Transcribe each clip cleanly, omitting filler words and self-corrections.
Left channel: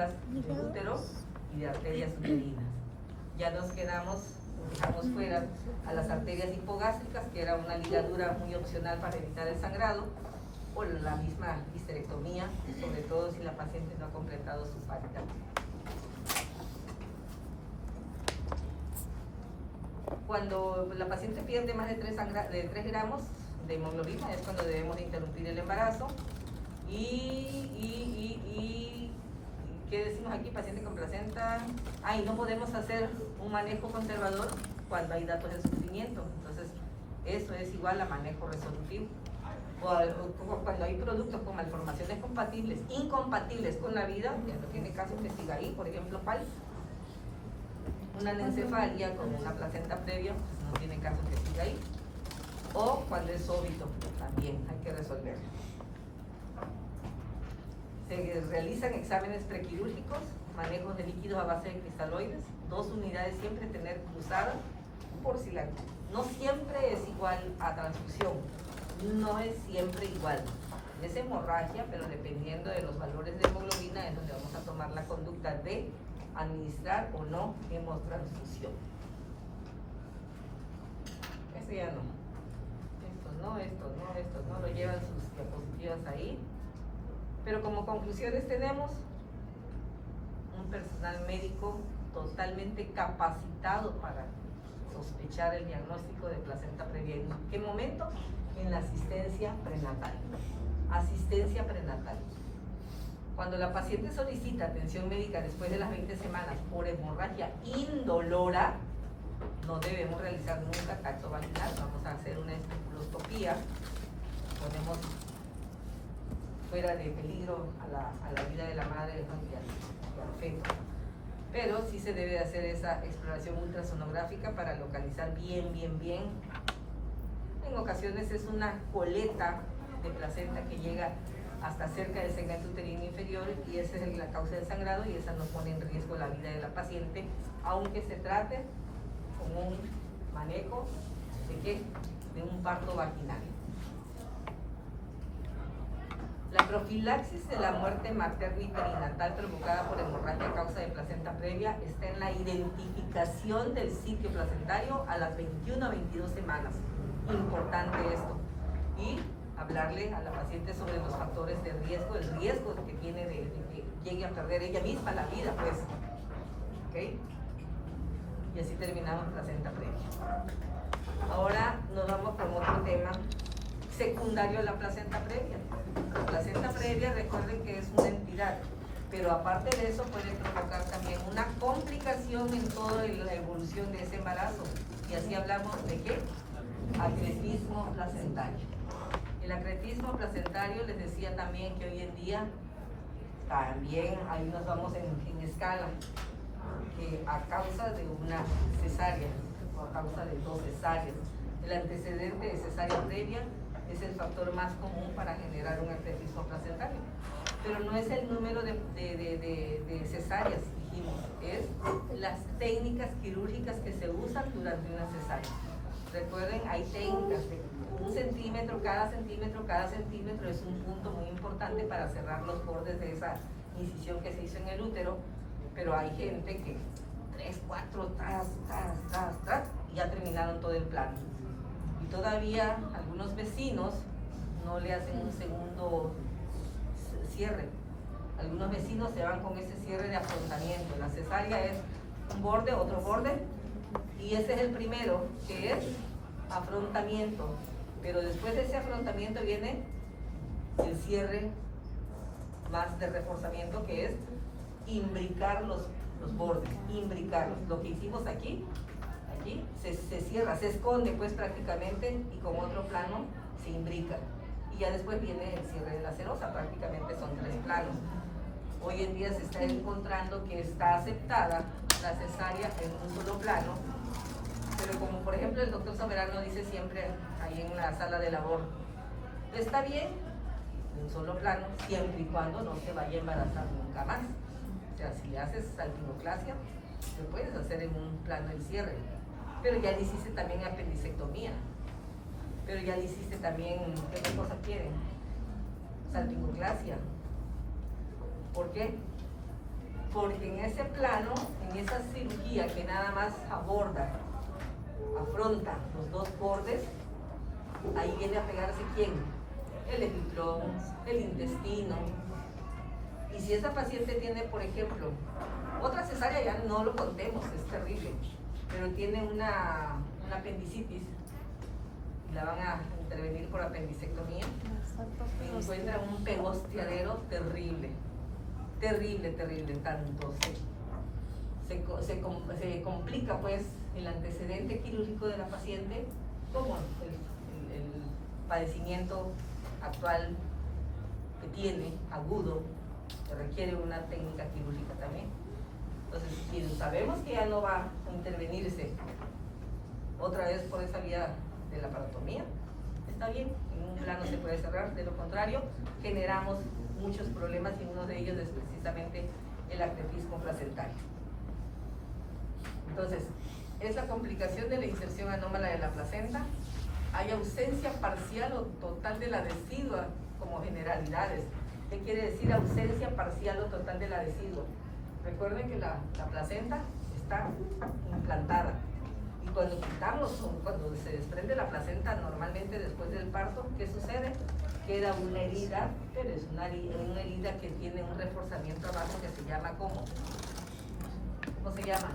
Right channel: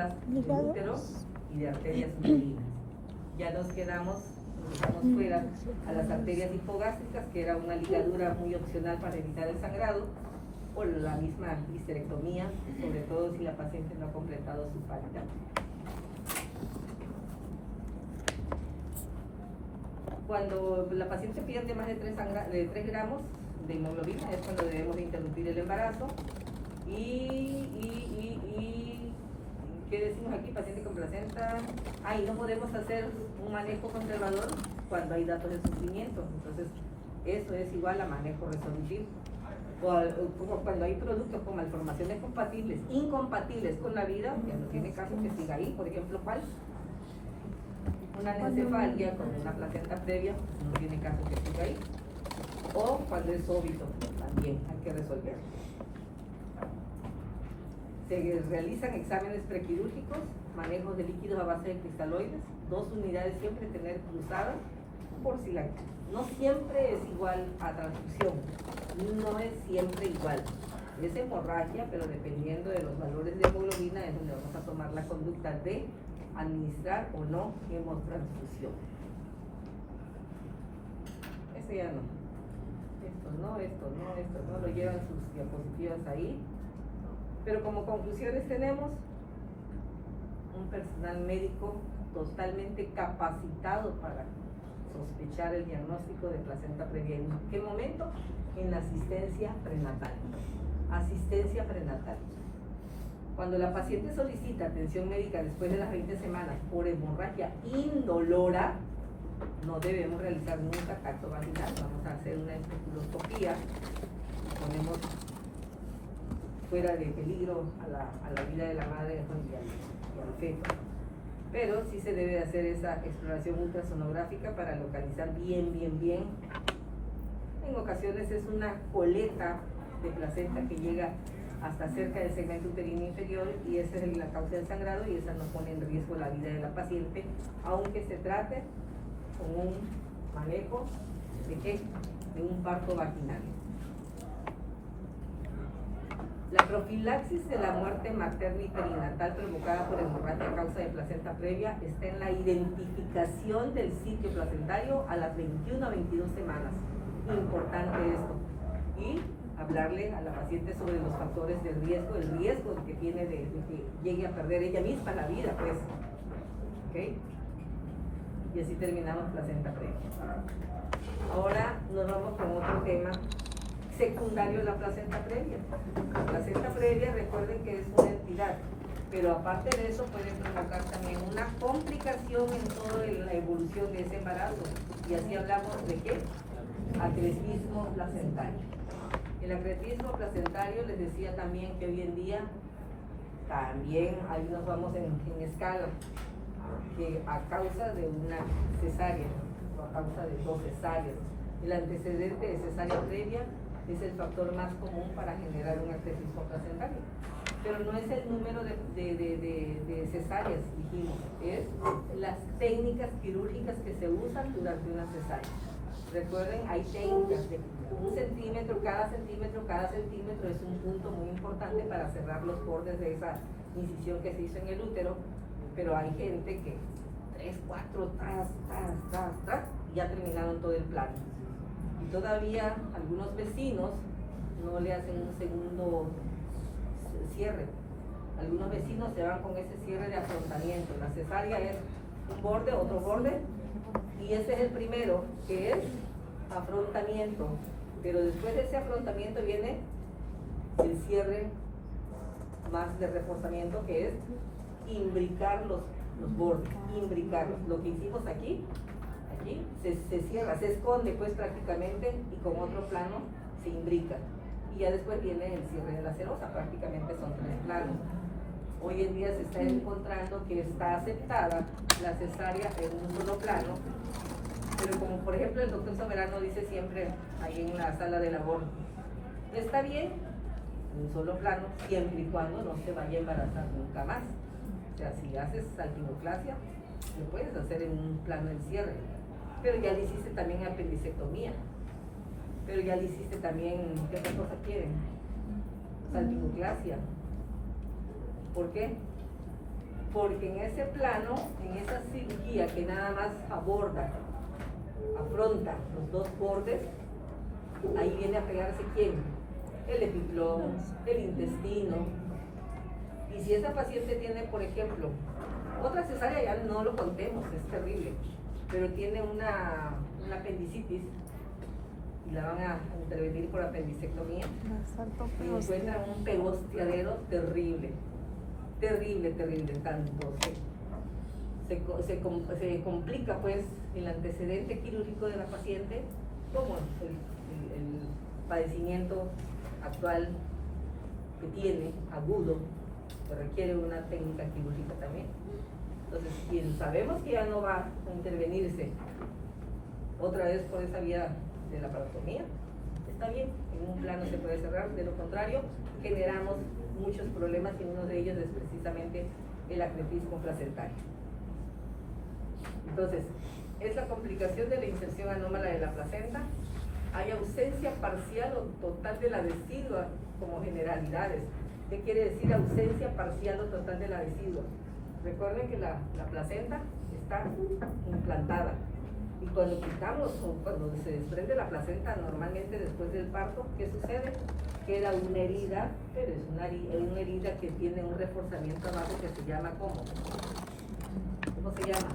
invasivas del útero y de arterias uterinas. Ya nos dejamos fuera a las arterias hipogástricas, que era una ligadura muy opcional para evitar el sangrado, por la misma histerectomía, sobre todo si la paciente no ha completado su falta. Cuando la paciente pierde más de 3 gramos de hemoglobina es cuando debemos de interrumpir el embarazo. Y ¿qué decimos aquí? Paciente con placenta. Y no podemos hacer un manejo conservador cuando hay datos de sufrimiento. Entonces, eso es igual a manejo resolutivo. O cuando hay productos con malformaciones incompatibles con la vida, que no tiene caso que siga ahí, por ejemplo, PAL. Una anencefalia con una placenta previa, pues no tiene caso que siga ahí. O cuando es óbito, también hay que resolverlo. Se realizan exámenes prequirúrgicos, manejos de líquidos a base de cristaloides, 2 unidades siempre tener cruzadas, por si la... No siempre es igual a transfusión, no es siempre igual. Es hemorragia, pero dependiendo de los valores de hemoglobina es donde vamos a tomar la conducta de administrar o no hemotransfusión. Ese ya no. Esto no, lo llevan sus diapositivas ahí. Pero como conclusiones tenemos un personal médico totalmente capacitado para sospechar el diagnóstico de placenta previa. ¿En qué momento? En la asistencia prenatal. Asistencia prenatal. Cuando la paciente solicita atención médica después de las 20 semanas por hemorragia indolora, no debemos realizar nunca cacto vaginal. Vamos a hacer una estetoscopía. Ponemos fuera de peligro a la vida de la madre y al feto. Pero sí se debe hacer esa exploración ultrasonográfica para localizar bien. En ocasiones es una coleta de placenta que llega hasta cerca del segmento uterino inferior y esa es la causa del sangrado y esa no pone en riesgo la vida de la paciente, aunque se trate con un manejo de un parto vaginal. La profilaxis de la muerte materna y perinatal provocada por hemorragia a causa de placenta previa está en la identificación del sitio placentario a las 21 a 22 semanas. Importante esto. Y hablarle a la paciente sobre los factores de riesgo, el riesgo que tiene de que llegue a perder ella misma la vida, pues. ¿Ok? Y así terminamos placenta previa. Ahora nos vamos con otro tema secundario a la placenta previa. La placenta previa, recuerden que es una entidad, pero aparte de eso puede provocar también una complicación en toda la evolución de ese embarazo. Y así hablamos de ¿qué? Acretismo placentario. El acretismo placentario, les decía también que hoy en día también ahí nos vamos en escala, que a causa de una cesárea o a causa de 2 cesáreas, el antecedente de cesárea previa es el factor más común para generar un acretismo placentario. Pero no es el número de cesáreas, dijimos, es las técnicas quirúrgicas que se usan durante una cesárea. Recuerden, hay técnicas, 1 centímetro, cada centímetro es un punto muy importante para cerrar los bordes de esa incisión que se hizo en el útero, pero hay gente que 3, 4, y ya terminaron todo el plano. Y todavía algunos vecinos no le hacen un segundo cierre. Algunos vecinos se van con ese cierre de afrontamiento. La cesárea es un borde, otro borde, y ese es el primero, que es afrontamiento. Pero después de ese afrontamiento viene el cierre más de reforzamiento, que es imbricar los bordes, imbricarlos. Lo que hicimos aquí se cierra, se esconde pues prácticamente, y con otro plano se imbrica. Y ya después viene el cierre de la serosa, prácticamente son 3 planos. Hoy en día se está encontrando que está aceptada la cesárea en un solo plano, pero como por ejemplo el doctor Soberano dice siempre ahí en la sala de labor, está bien un solo plano siempre y cuando no se vaya a embarazar nunca más. O sea, si haces salpingoclasia, lo puedes hacer en un plano el cierre, pero ya le hiciste también apendicectomía, pero ya le hiciste también, ¿qué otra cosa quieren? Salpingoclasia. ¿Por qué? porque en ese plano, en esa cirugía que nada más afronta los dos bordes, ahí viene a pegarse ¿quién? El epiplón, el intestino. Y si esa paciente tiene, por ejemplo, otra cesárea, ya no lo contemos, es terrible, pero tiene una apendicitis y la van a intervenir por apendicectomía y encuentran un pegostiadero terrible, tanto se complica pues el antecedente quirúrgico de la paciente como el padecimiento actual que tiene, agudo, que requiere una técnica quirúrgica también. Entonces, si sabemos que ya no va a intervenirse otra vez por esa vía de la paratomía, está bien, en un plano se puede cerrar, de lo contrario, generamos muchos problemas y uno de ellos es precisamente el acretismo placentario. Entonces, es la complicación de la inserción anómala de la placenta, hay ausencia parcial o total de la decidua como generalidades. ¿Qué quiere decir ausencia parcial o total de la decidua? Recuerden que la placenta está implantada y cuando quitamos o cuando se desprende la placenta normalmente después del parto, ¿qué sucede? Queda una herida, pero es una herida que tiene un reforzamiento amargo que se llama ¿cómo? ¿Cómo se llama?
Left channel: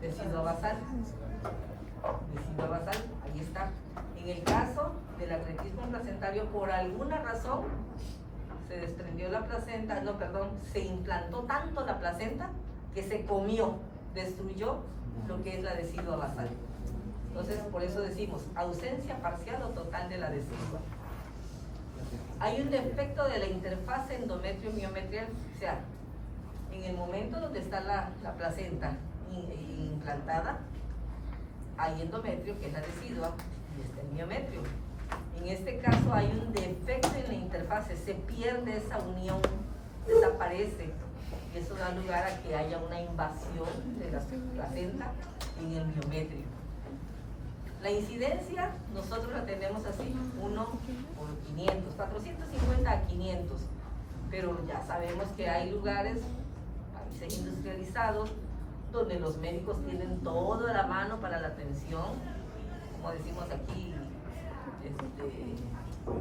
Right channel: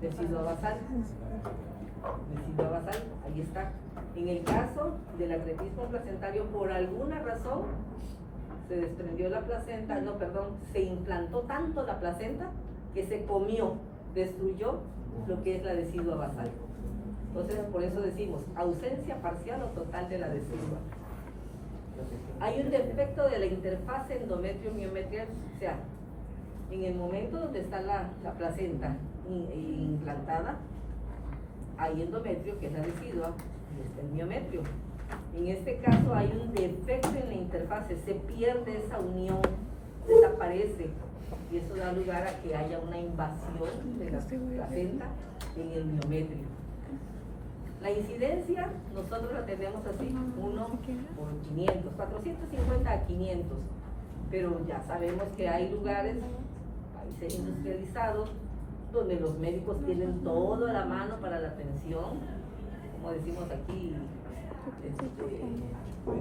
Decidua basal. Decidua basal, ahí está. En el caso del acretismo placentario, por alguna razón se desprendió la placenta, se implantó tanto la placenta que se comió, destruyó lo que es la decidua basal. Entonces, por eso decimos ausencia parcial o total de la decidua. Hay un defecto de la interfase endometrio-miometrial, o sea, en el momento donde está la placenta implantada, hay endometrio, que es la decidua, y está el miometrio. En este caso hay un defecto en la interfase, se pierde esa unión, desaparece, y eso da lugar a que haya una invasión de la placenta en el miometrio. La incidencia nosotros la tenemos así, 1 por 500, 450 a 500, pero ya sabemos que hay lugares, países industrializados, donde los médicos tienen todo a la mano para la atención, como decimos aquí,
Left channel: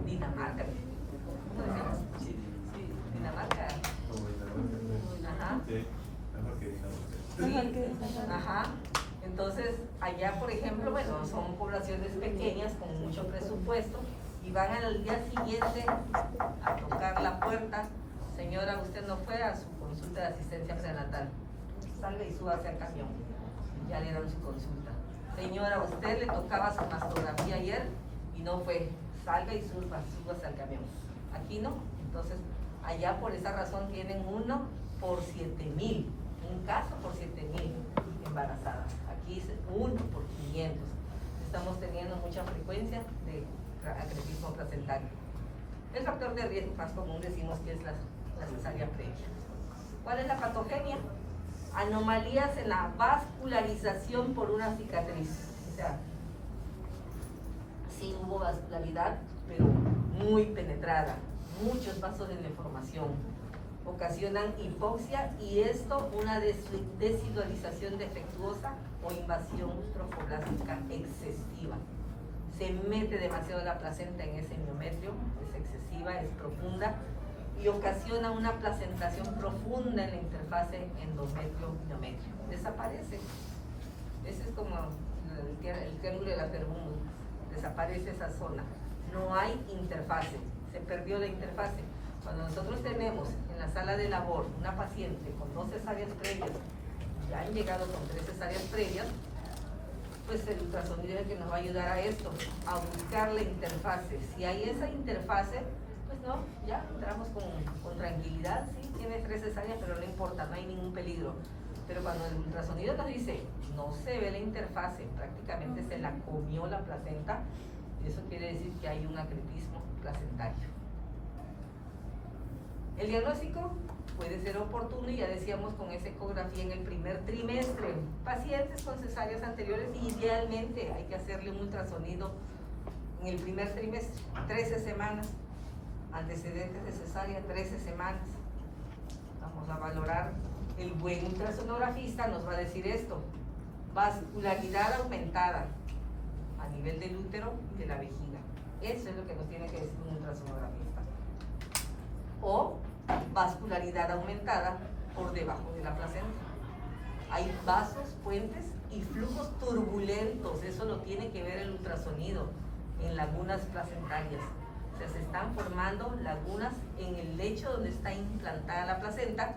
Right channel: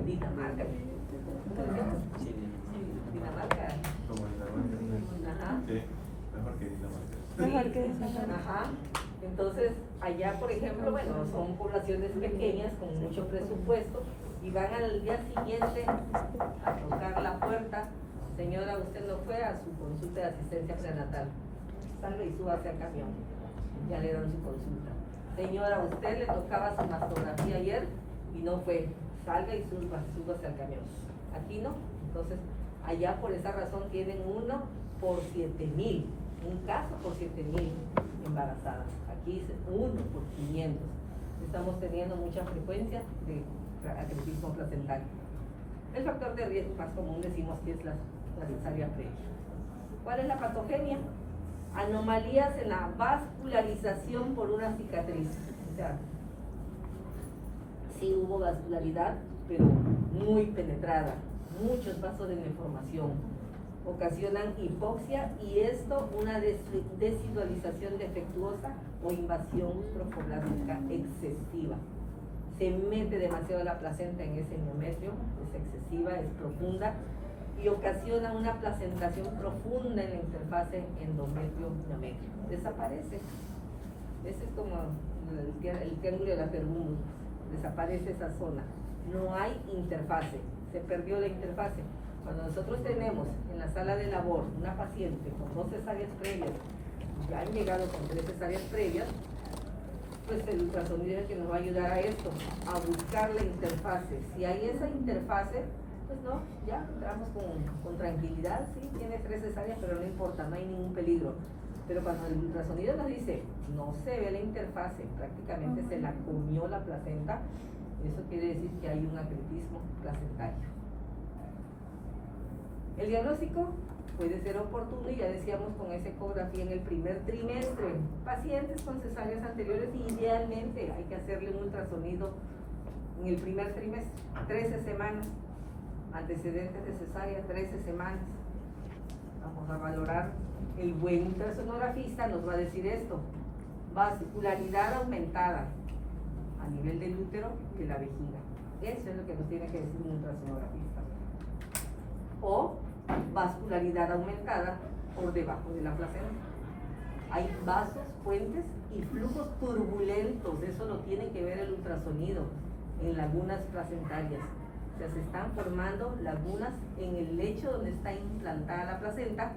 Dinamarca. Sí, Dinamarca. Como Dinamarca. Mejor que Dinamarca. Ajá. Entonces, allá, por ejemplo, bueno, son poblaciones pequeñas con mucho presupuesto y van al día siguiente a tocar la puerta. Señora, usted no fue a su consulta de asistencia prenatal. Salga y súbase al camión. Ya le dieron su consulta. Señora, usted le tocaba su mastografía ayer y no fue. Salga y súbase al camión. Aquí no. Entonces, allá por esa razón tienen 1 por 7,000. Un caso por 7,000 embarazadas. Aquí es 1 por 500. Estamos teniendo mucha frecuencia de acretismo placentario. El factor de riesgo más común decimos que es la cesárea previa. ¿Cuál es la patogenia? Anomalías en la vascularización por una cicatriz. O sea, sí hubo vascularidad, pero muy penetrada, muchos vasos de deformación. Ocasionan hipoxia y esto una desidualización defectuosa o invasión trofoblástica excesiva. Se mete demasiado la placenta en ese miometrio, es excesiva, es profunda y ocasiona una placentación profunda en la interfase endometrio-miometrio. Desaparece. Ese es como el triángulo de la Bermuda. Desaparece esa zona. No hay interfase. Se perdió la interfase. Cuando nosotros tenemos en la sala de labor una paciente con 2 cesáreas previas, ya han llegado con 3 cesáreas previas, pues el ultrasonido es el que nos va a ayudar a esto, a buscar la interfase. Si hay esa interfase, pues no, ya entramos con tranquilidad. Sí, tiene 3 cesáreas, pero no importa, no hay ningún peligro. Pero cuando el ultrasonido nos dice, no se ve la interfase, prácticamente se la comió la placenta, eso quiere decir que hay un acretismo placentario. El diagnóstico puede ser oportuno y ya decíamos con esa ecografía en el primer trimestre. Pacientes con cesáreas anteriores, idealmente hay que hacerle un ultrasonido en el primer trimestre, 13 semanas. Antecedentes de cesárea, 13 semanas. Vamos a El buen ultrasonografista nos va a decir esto: vascularidad aumentada a nivel del útero y de la vejiga. Eso es lo que nos tiene que decir un ultrasonografista. O vascularidad aumentada por debajo de la placenta. Hay vasos, puentes y flujos turbulentos. Eso lo tiene que ver el ultrasonido en lagunas placentarias. O sea, se están formando lagunas en el lecho donde está implantada la placenta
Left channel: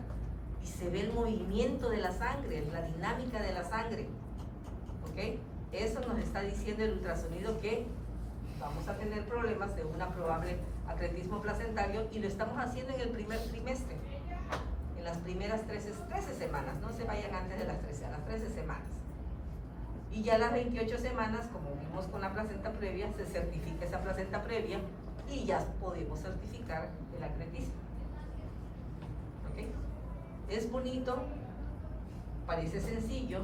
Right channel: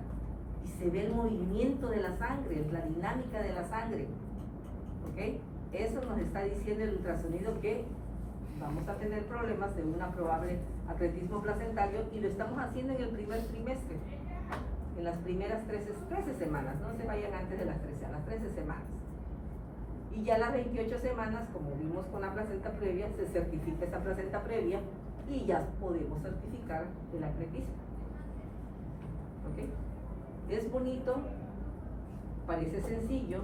y se ve el movimiento de la sangre, la dinámica de la sangre. ¿Ok? Eso nos está diciendo el ultrasonido, que vamos a tener problemas de un probable acretismo placentario, y lo estamos haciendo en el primer trimestre, en las primeras 13 semanas. No se vayan antes de las 13, a las 13 semanas. Y ya a las 28 semanas, como vimos con la placenta previa, se certifica esa placenta previa y ya podemos certificar el acretismo. ¿Ok? Es bonito, parece sencillo,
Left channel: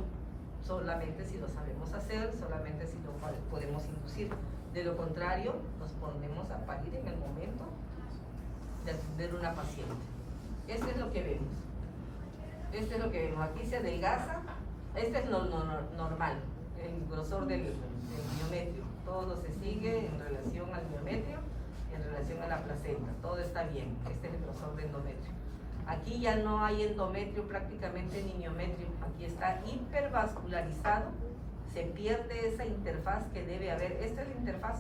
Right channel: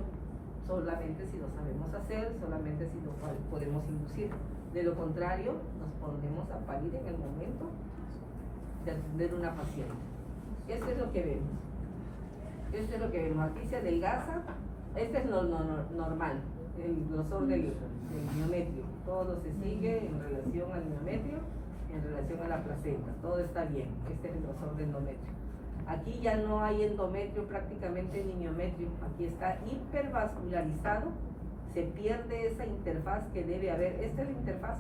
solamente si lo sabemos hacer, solamente si lo podemos inducir. De lo contrario, nos ponemos a parir en el momento de atender una paciente. Esto es lo que vemos. Esto es lo que vemos. Aquí se adelgaza. Este es normal, el grosor del miometrio. Todo se sigue en relación al miometrio, en relación a la placenta. Todo está bien. Este es el grosor del endometrio. Aquí ya no hay endometrio prácticamente ni miometrio. Aquí está hipervascularizado. Se pierde esa interfaz que debe haber. Esta es la interfaz.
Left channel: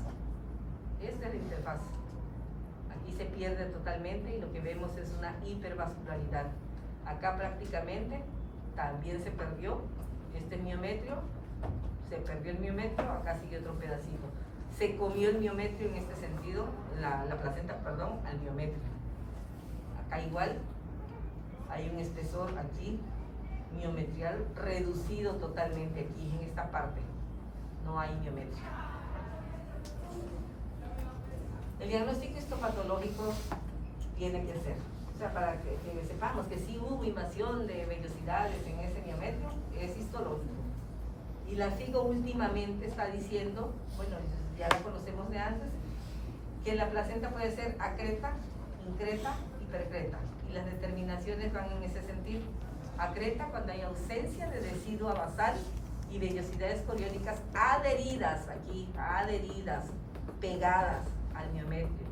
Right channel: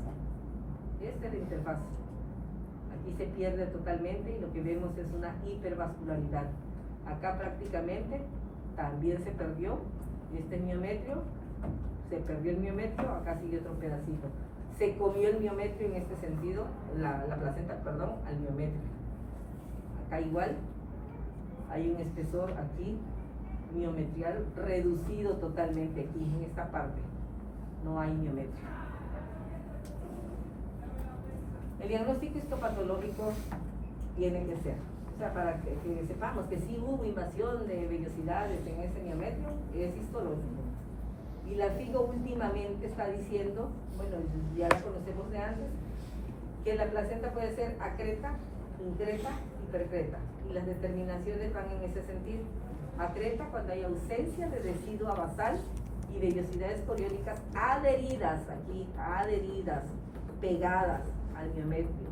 Esta es la interfaz. Aquí se pierde totalmente y lo que vemos es una hipervascularidad. Acá prácticamente también se perdió. Este es miometrio. Se perdió el miometrio. Acá sigue otro pedacito. Se comió el miometrio en este sentido, la placenta, perdón, al miometrio. Acá igual hay un espesor aquí miometrial reducido totalmente aquí en esta parte. No hay miometrio. El diagnóstico histopatológico tiene que ser, o sea, para que sepamos que sí hubo invasión de vellosidades en ese miometrio, es histológico. Y la FIGO últimamente está diciendo, bueno, ya lo conocemos de antes, que la placenta puede ser acreta, increta y percreta. Y las determinaciones van en ese sentido. Acreta cuando hay ausencia de decidua basal y vellosidades coriónicas adheridas, aquí, adheridas, pegadas al miometrio.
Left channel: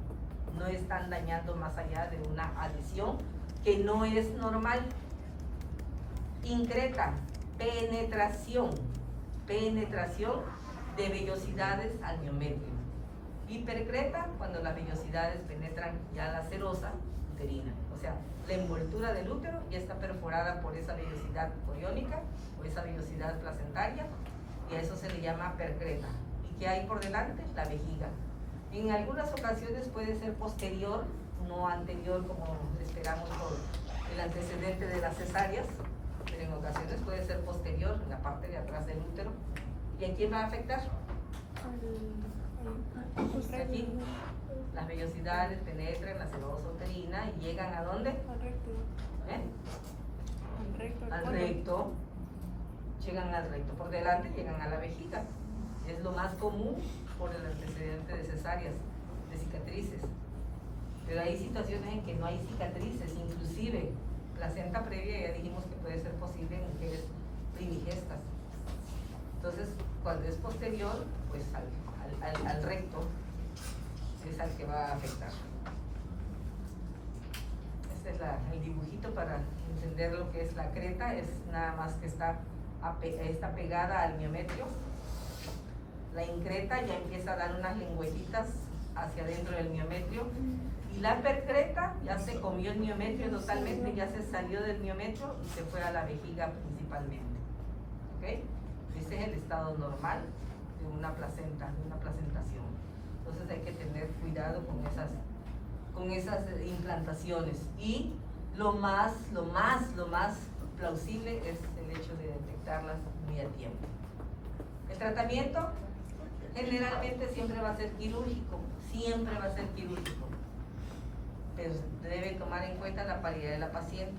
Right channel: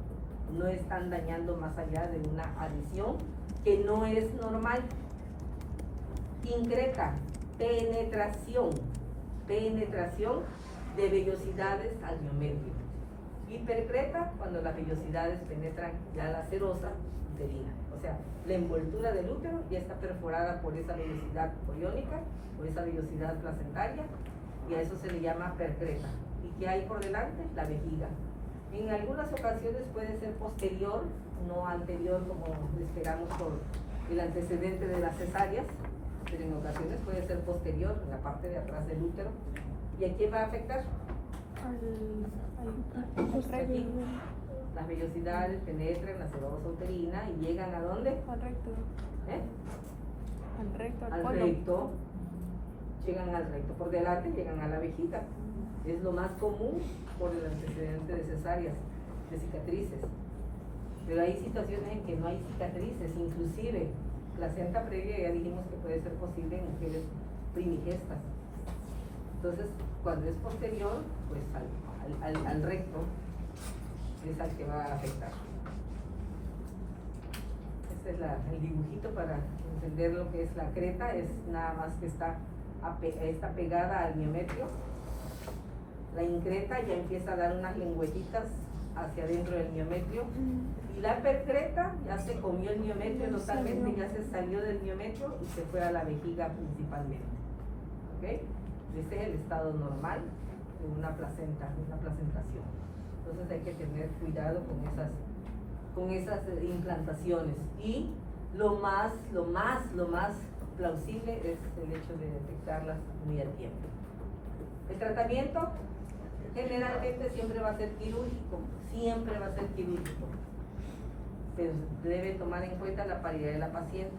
No están dañando más allá de una adhesión que no es normal. Increta, penetración de vellosidades al miometrio. Hipercreta, cuando las vellosidades penetran ya la serosa uterina. O sea, la envoltura del útero ya está perforada por esa vellosidad coriónica o esa vellosidad placentaria, y a eso se le llama percreta. ¿Y qué hay por delante? La vejiga. En algunas ocasiones puede ser posterior, no anterior como esperamos por el antecedente de las cesáreas, pero en ocasiones puede ser posterior, en la parte de atrás del útero. ¿Y a quién va a afectar? Aquí. Las vellosidades penetran la serosa uterina y llegan ¿a dónde? Al recto. Al recto, al colon. Recto. Llegan al recto. Por delante llegan a la vejiga. Es lo más común por el antecedente de cesáreas, de cicatrices. Pero hay situaciones en que no hay cicatrices, inclusive placenta previa ya dijimos que puede ser posible en mujeres primigestas. Entonces, cuando es posterior, pues al recto es al que va a afectar. Este es el dibujito para entender lo que es la creta. Es nada más que está pegada al miometrio. La increta ya empieza a dar unas lengüetitas hacia adentro del miometrio, y la percreta ya se comió el miometrio totalmente, ya se salió del miometrio y se fue a la vejiga principalmente. ¿Okay? Ese es el estado normal de una placenta, de una placentación. Entonces hay que tener cuidado con esas implantaciones, y lo más plausible es el hecho de detectarlas muy a tiempo. El tratamiento generalmente siempre va a ser quirúrgico, pero debe tomar en cuenta la paridad de la paciente.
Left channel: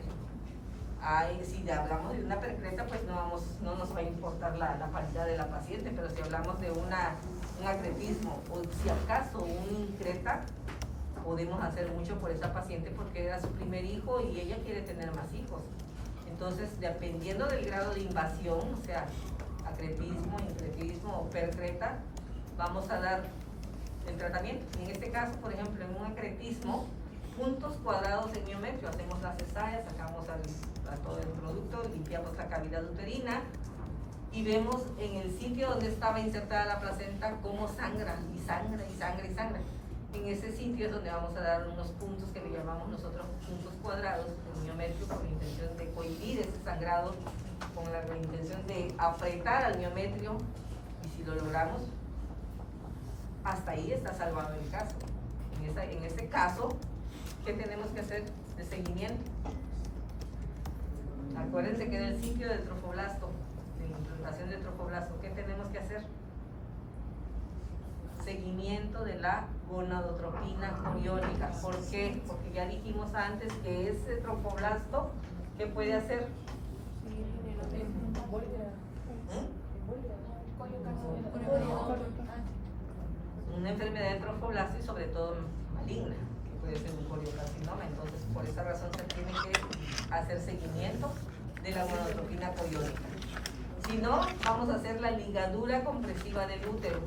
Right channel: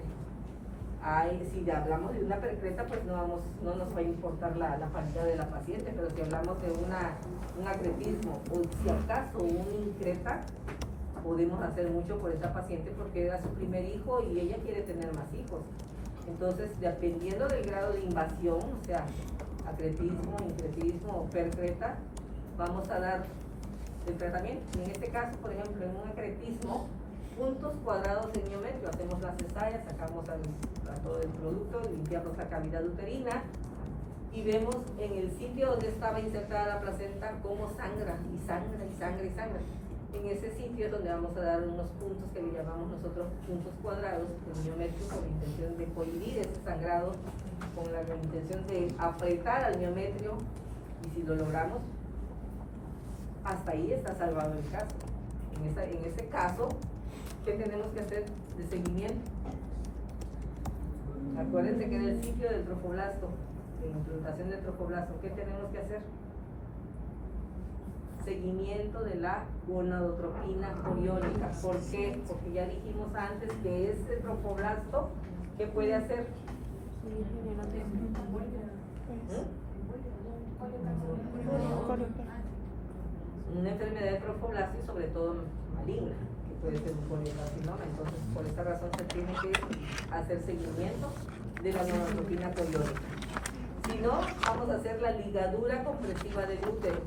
Si hablamos de una percreta, pues no nos va a importar la paridad de la paciente, pero si hablamos de un acretismo o si acaso un increta, podemos hacer mucho por esa paciente porque era su primer hijo y ella quiere tener más hijos. Entonces, dependiendo del grado de invasión, o sea, acretismo, incretismo o percreta, vamos a dar el tratamiento. En este caso, por ejemplo, en un acretismo, puntos cuadrados en miometrio, hacemos la cesárea, sacamos a todo el producto, limpiamos la cavidad uterina y vemos en el sitio donde estaba insertada la placenta cómo sangra y sangra y sangra y sangra. En ese sitio es donde vamos a dar unos puntos que le llamamos nosotros puntos cuadrados en miometrio, con la intención de cohibir ese sangrado, con la intención de apretar al miometrio, y si lo logramos, hasta ahí está salvado el caso. En ese caso, ¿qué tenemos que hacer de seguimiento? Acuérdense que era el sitio del trofoblasto, de implantación del trofoblasto. ¿Qué tenemos que hacer? Seguimiento de la gonadotropina coriónica. ¿Por qué? Porque ya dijimos antes que ese trofoblasto, ¿qué puede hacer? Una enfermedad de trofoblasto y sobre todo maligna, que puede ser un coriocarcinoma. Entonces, por esta razón se tiene que hacer seguimiento de la gonadotropina coriónica. Si no, vamos a hacer la ligadura compresiva del útero,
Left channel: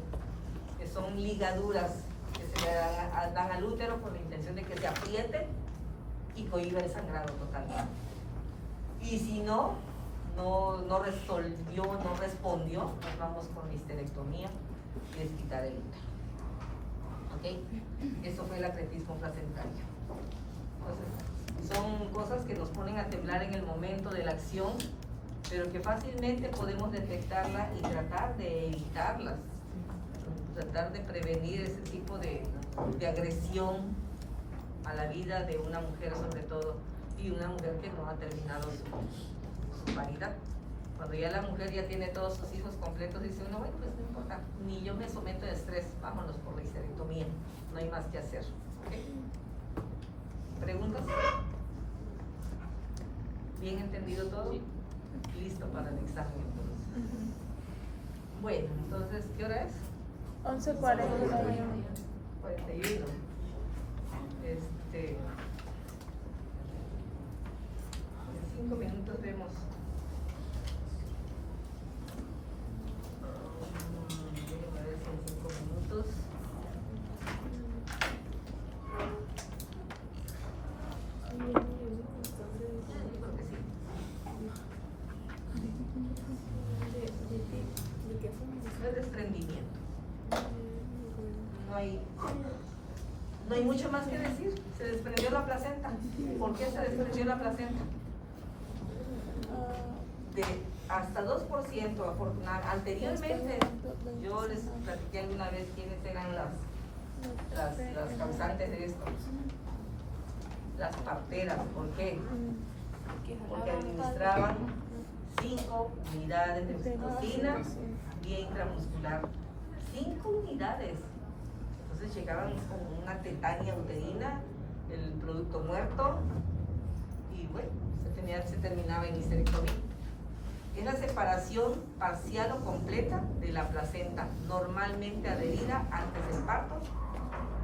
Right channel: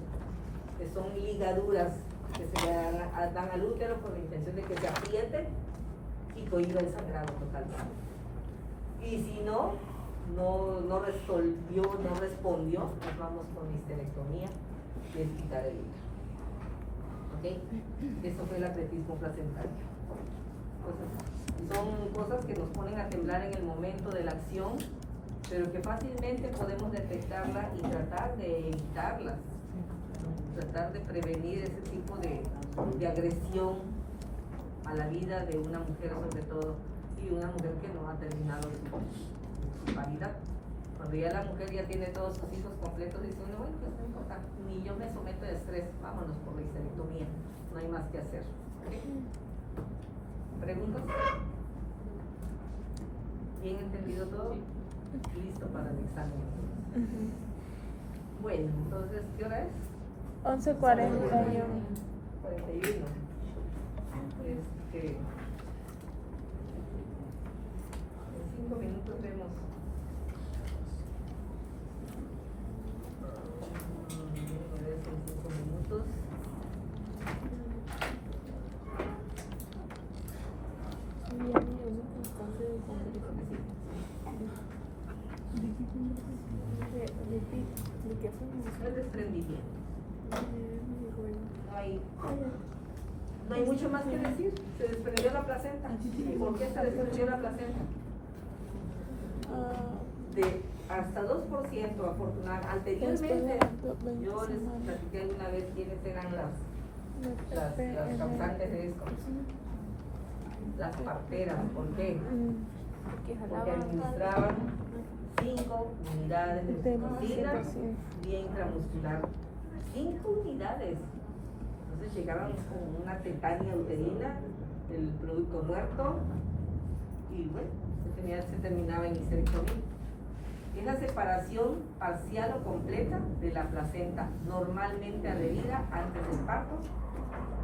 que son ligaduras que se le dan al útero con la intención de que se apriete y cohiba el sangrado totalmente. Y si no resolvió, no respondió, pues vamos con histerectomía, que es quitar el útero. ¿Ok? Eso fue el acretismo placentario. Entonces, son cosas que nos ponen a temblar en el momento de la acción, pero que fácilmente podemos detectarla y tratar de evitarlas, tratar de prevenir ese tipo de agresión a la vida de una mujer, sobre todo, y una mujer que no ha terminado su vida. Cuando ya la mujer ya tiene todos sus hijos completos, dice uno, bueno, pues no importa, ni yo me someto a estrés, vámonos por la histerectomía, no hay más que hacer. ¿Preguntas? ¿Bien entendido todo? Listo para el examen. Bueno, entonces, ¿qué hora es? 11:41. 41. En 5 minutos vemos. El desprendimiento. No hay mucho más que decir. Se desprendió la placenta. ¿Por qué se desprendió la placenta? De hasta 2%. Anteriormente, yo les platiqué alguna vez quiénes eran las causantes de esto. Las parteras. ¿Por qué? Porque administraban 5 unidades de oxitocina vía intramuscular. 5 unidades. Entonces llegábamos como una tetania uterina, el producto muerto, y bueno, se terminaba en histerectomía. Es la separación parcial o completa de la placenta, normalmente adherida antes del parto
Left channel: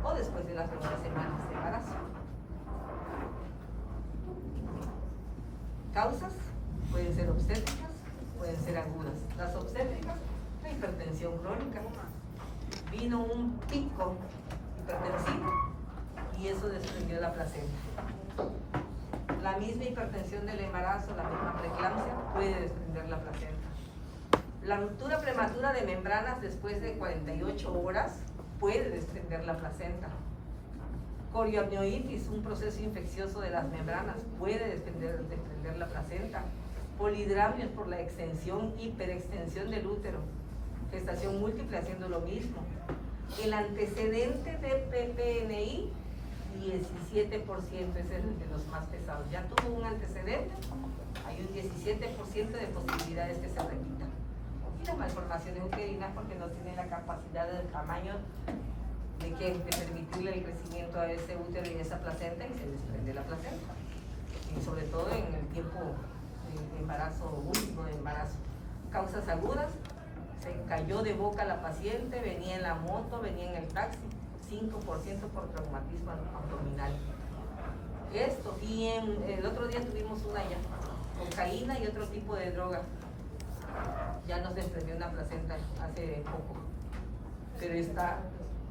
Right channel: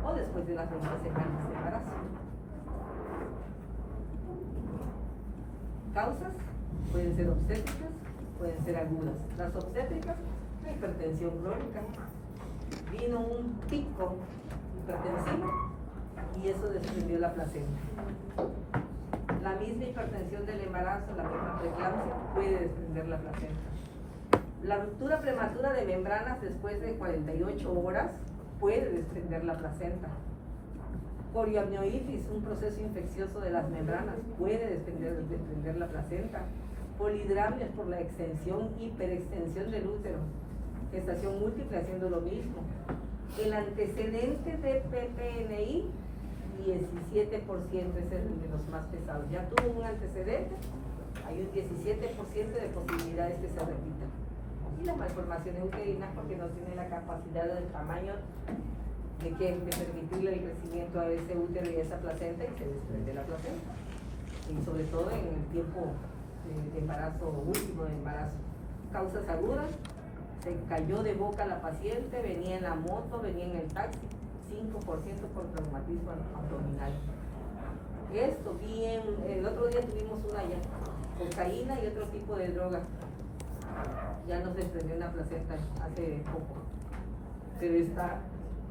o después de las 20 semanas de embarazo. Causas pueden ser obstétricas, pueden ser agudas. Las obstétricas, la hipertensión crónica. Vino un pico hipertensivo y eso desprendió la placenta. La misma hipertensión del embarazo, la misma preeclampsia, puede desprender la placenta. La ruptura prematura de membranas después de 48 horas puede desprender la placenta. Corioamnionitis, un proceso infeccioso de las membranas, puede desprender la placenta. Polidramios por la extensión, hiperextensión del útero. Gestación múltiple haciendo lo mismo. El antecedente de PPNI, 17% es el de los más pesados. Ya tuvo un antecedente, hay un 17% de posibilidades que se repitan. Y las malformaciones uterinas porque no tiene la capacidad del tamaño de permitirle el crecimiento a ese útero y a esa placenta y se desprende la placenta. Y sobre todo en el tiempo de embarazo, último de embarazo. Causas agudas, se cayó de boca la paciente, venía en la moto, venía en el taxi, 5% por traumatismo abdominal. Esto, y el otro día tuvimos una ya, cocaína y otro tipo de droga. Ya nos desprendió una placenta hace poco, pero está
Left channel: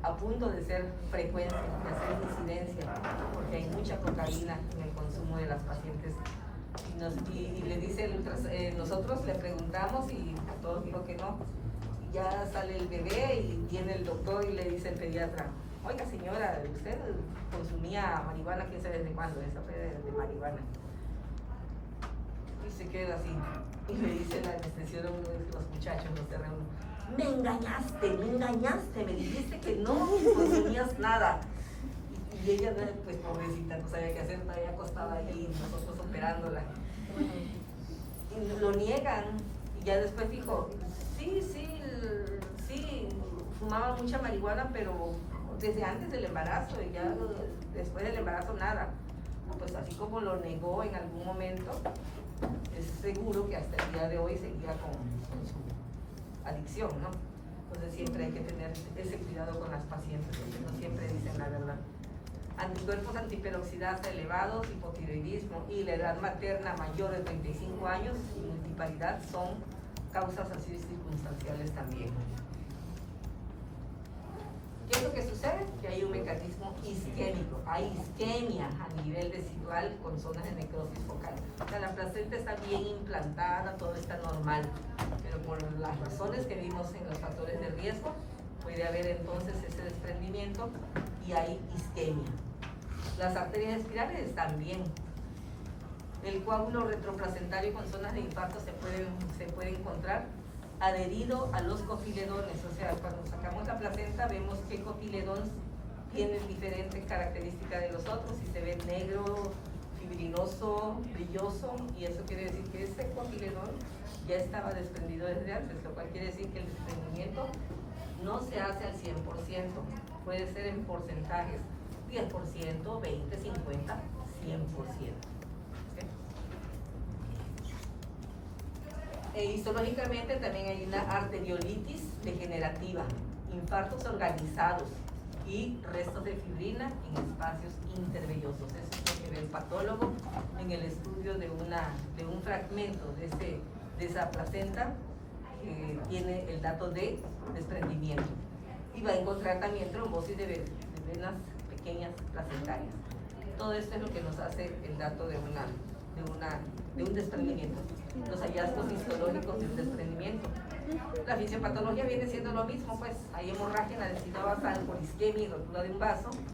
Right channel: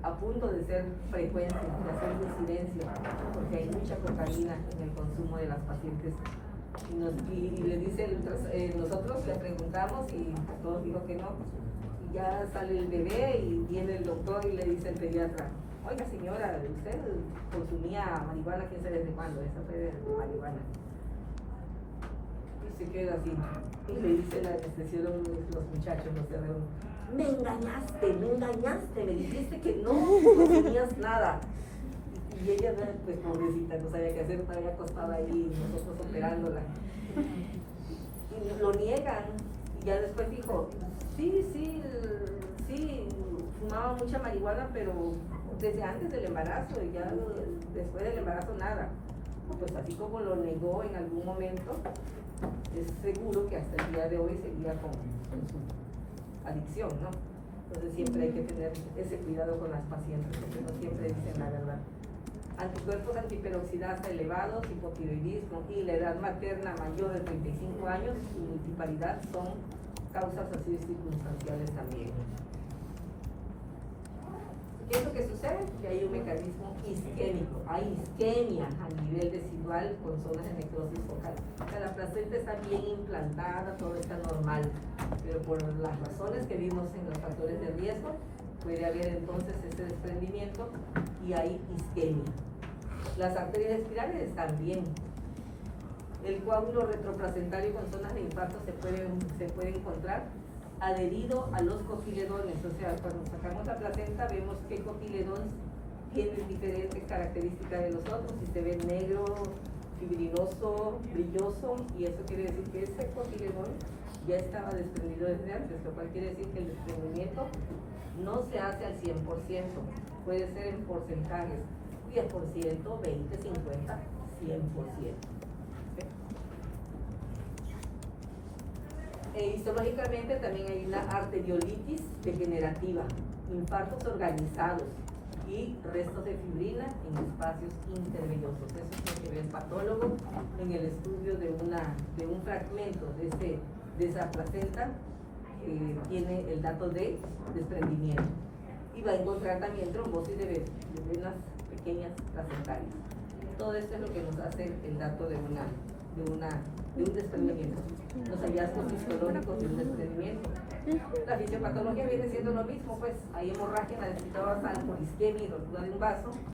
a punto de ser frecuencia, de ser incidencia, porque hay mucha cocaína en el consumo de las pacientes. Y le dicen, nosotros le preguntamos y todos dijo que no. Y ya sale el bebé y viene el doctor y le dice el pediatra, oiga señora, usted consumía marihuana, quién sabe desde cuándo, esa fue de marihuana. Y se queda así. Y le dice la anestesióloga, los muchachos, los terrenos, me engañaste, me dijiste que no consumías nada. Y ella, pues pobrecita, no sabía qué hacer, todavía acostada ahí, nosotros operándola. Y lo niegan, y ya después dijo, sí, fumaba mucha marihuana, pero desde antes del embarazo, y ya después del embarazo nada. Pues así como lo negó en algún momento, es seguro que hasta el día de hoy seguía con su adicción, ¿no? Entonces siempre hay que tener ese cuidado con las pacientes, porque no siempre dicen la verdad. Anticuerpos antiperoxidasa elevados, hipotiroidismo y la edad materna mayor de 35 años y multiparidad son causas así circunstanciales también. ¿Qué es lo que sucede? Que hay un mecanismo isquémico, hay isquemia a nivel residual con zonas de necrosis focal. O sea, la placenta está bien implantada, todo está normal, pero por las razones que vimos en los factores de riesgo, puede haber entonces ese desprendimiento y hay isquemia. Las arterias espirales también. El coágulo retroplacentario con zonas de infarto se puede encontrar adherido a los cotiledones. O sea, cuando sacamos la placenta vemos qué cotiledón tiene diferentes características de los otros. Si se ve negro, fibriloso, brilloso, y eso quiere decir que ese cotiledón ya estaba desprendido desde antes, lo cual quiere decir que el desprendimiento no se hace al 100%, puede ser en porcentajes, 10%, 20, 50, 100%. Histológicamente también hay una arteriolitis degenerativa, infartos organizados y restos de fibrina en espacios intervellosos. Eso es lo que ve el patólogo en el estudio de un fragmento de esa placenta que tiene el dato de desprendimiento. Y va a encontrar también trombosis de venas pequeñas placentarias. Todo esto es lo que nos hace el dato de un desprendimiento. Los hallazgos histológicos de un desprendimiento. La fisiopatología viene siendo lo mismo, pues hay hemorragia, necesita basal por isquemia y rotura de un vaso.